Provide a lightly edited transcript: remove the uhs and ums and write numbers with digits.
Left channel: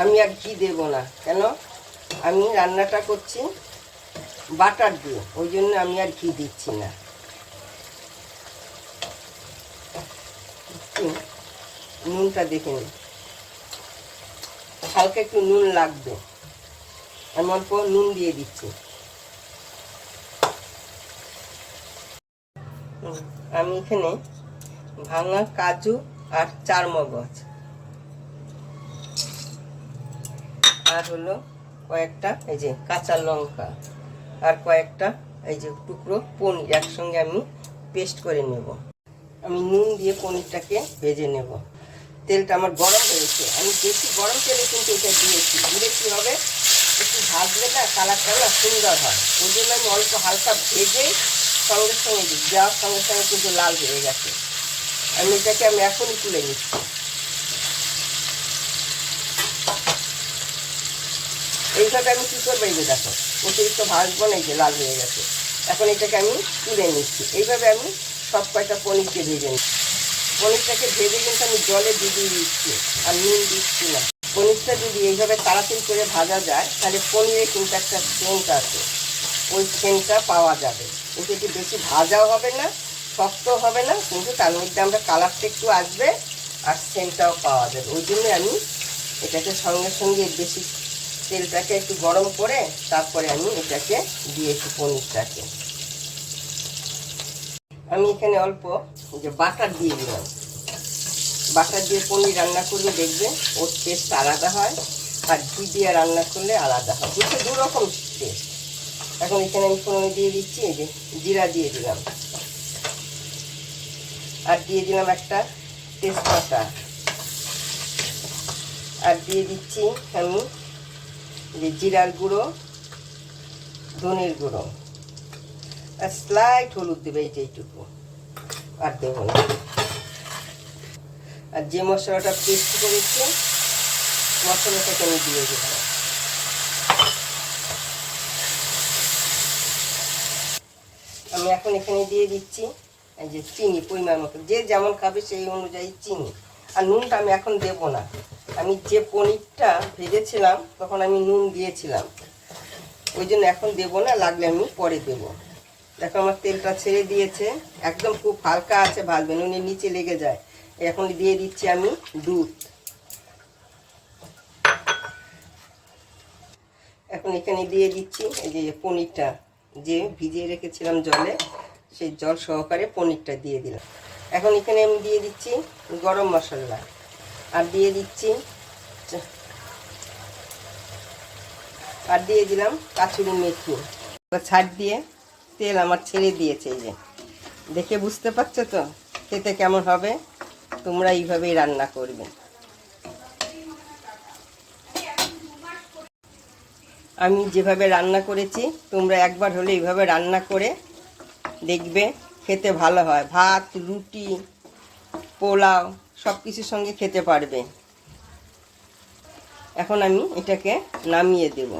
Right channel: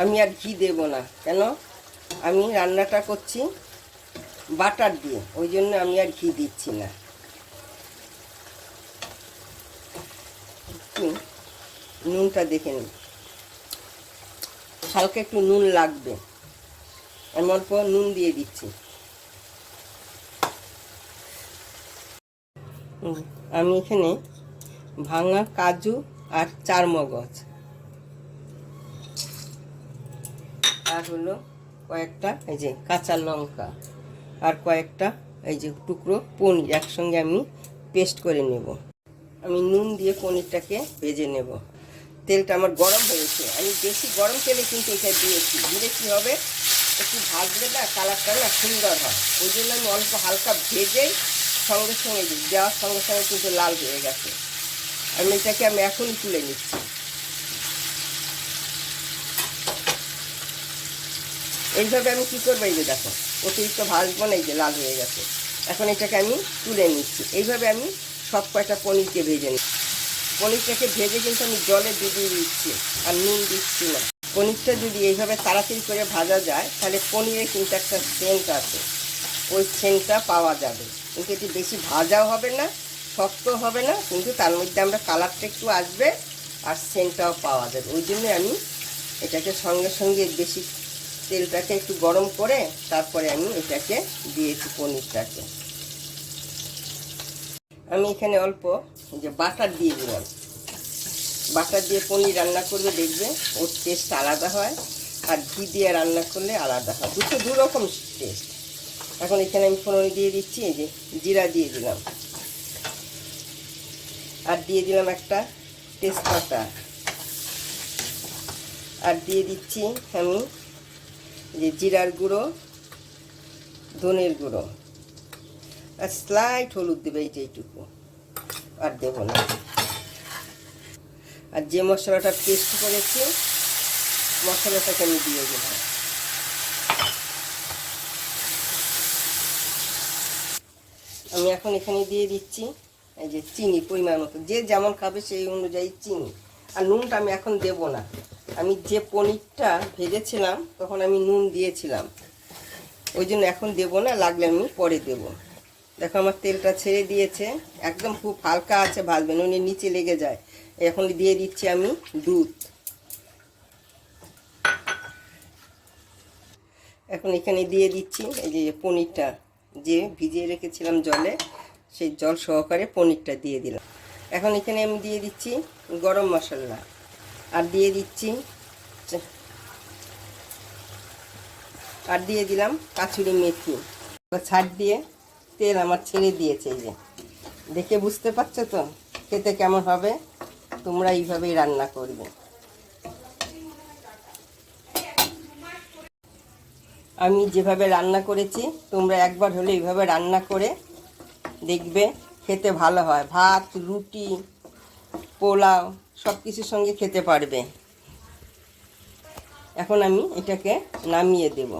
আমি আর ঘি দেব না, কেন আমি রান্নাটা করছি বাটার দিয়ে, ওই জন্য আমি আর ঘি দিচ্ছি না। নুনটা দেখে নিন, হালকা একটু নুন লাগবে, আমি অল্প নুন দিয়ে দিচ্ছি। আমি এখানে ভাঙা কাজু আর চারমগজ আর হলো কয়েকটা এই যে কাঁচা লঙ্কা আর কয়েকটা এই যে টুকরো পনির একসঙ্গে আমি পেস্ট করে নেব। আমি নুন দিয়ে পনিরটাকে ভেজে নেব। তেলটা আমার গরম হয়েছে, আমি বেশি গরম তেলে কিন্তু এটা দিয়েছি, দিলে কী হবে একটু ভাজলে না কালারটা না সুন্দর হয়, ওই জন্য আমি অল্প হালকা ভেজেই সঙ্গে সঙ্গে দিই, দেওয়ার সঙ্গে সঙ্গে কিন্তু লাল হয়ে গেছে। আমি এটাকে এখনই তুলে নিচ্ছি। এইভাবে আমি কী করবো, এই যে দেখো অতিরিক্ত ভাজবো না, এই যে লাল হয়ে গেছে। এখন এটাকে আমি তুলে নিচ্ছি। এইভাবে আমি সব কয়টা পনিরকে ভেজে নিচ্ছি। পনিরটাকে ভেজে কিন্তু আমি জলে ডুবিয়ে দিচ্ছি আর নুন দিচ্ছি না। পনিরটা যদি এইভাবে তাড়াতাড়ি করে ভাজা যায় তাহলে পনিরে কিন্তু একটা সেন্ট আছে, ওই সেন্টটা পাওয়া যাবে। কিন্তু এটি বেশি ভাজাও হবে না, শক্ত হবে না, কিন্তু তার মধ্যে আমরা কালারটা একটু আসবে আর সেন্টটাও পাওয়া যাবে। ওই জন্যে আমি এটাকে সঙ্গে সঙ্গে বেশি তেলটাকে একটু গরম করে তারপরে আমি এটাকে দিয়েছি পনিরটাকে। আমি এখানে অল্প যে বাটার দিয়ে দিলাম। বাটার দিয়ে পনির রান্না করলে দেখবে ওর টেস্ট আলাদা হয়, আর ঘি দিয়ে রান্না করলে আলাদা হয়, দুটো দু রকম টেস্ট। এখন এখানে আমি ফোড়নে দিয়ে দিচ্ছি এই যে জিরা দিয়ে দিলাম, আর দিয়ে দিলাম একটা তেজপাতা, আর দিয়ে দিচ্ছি আমি যে জিরার গুঁড়ো, ধনের গুঁড়ো, আর স্লাইট হলুদ দেবে, এই যে এইটুকু, আর দেবো না। আর যে মশলাটা পেস্ট করেছি মশলাটাকে আমি দিয়ে দিলাম। আমি এখন এখানে দিয়ে দিচ্ছি এই যে চিনি পরিমাণ মতো, যে যেমন খাবে সেই অনুযায়ী চিনি। আর নুনটা আমি এখন দেব না, আমি যে পনিরটা ভেজেছিলাম তখন আমি নুন দিয়েছিলাম, ওই জন্য এখন দেবো না, লাগলে আমি পরে দেব। দেখো আমার তেলটা ছেড়ে দিয়েছে, একদম খুব হালকা আছে ভাজবে, নুনের নিচে লেগে যায়। এখন দিয়ে দিচ্ছি আমি দুধ। এখন এখানে দিয়ে দিচ্ছি এই যে পনিরটা যে ভিজিয়ে রেখেছিলাম জলে, সেই জল সহকারে পনিরটা দিয়ে দিলাম। এখন এখানে আমি দিয়ে দিচ্ছি গরম মশলা, আর দিয়ে দিচ্ছি আর দিয়ে দিলাম কাঁচুরি মেথি। ছাড় দিয়ে তেল আমার ছেড়ে দিয়েছে, এই যে দেখে বুঝতে পারছো তো খেতে কেমন হবে। তোমরা এইভাবেই রান্না করবে। আমি যেভাবে রান্না করেছি তোমরা একবার হলে এইভাবে রান্না করে দেখবে, খেতে ভালো হয়। ভাত, রুটি, পোলাও সব কিছুর সঙ্গে খেতে পারবে। এখন আমি এটাকে নামিয়ে দেব।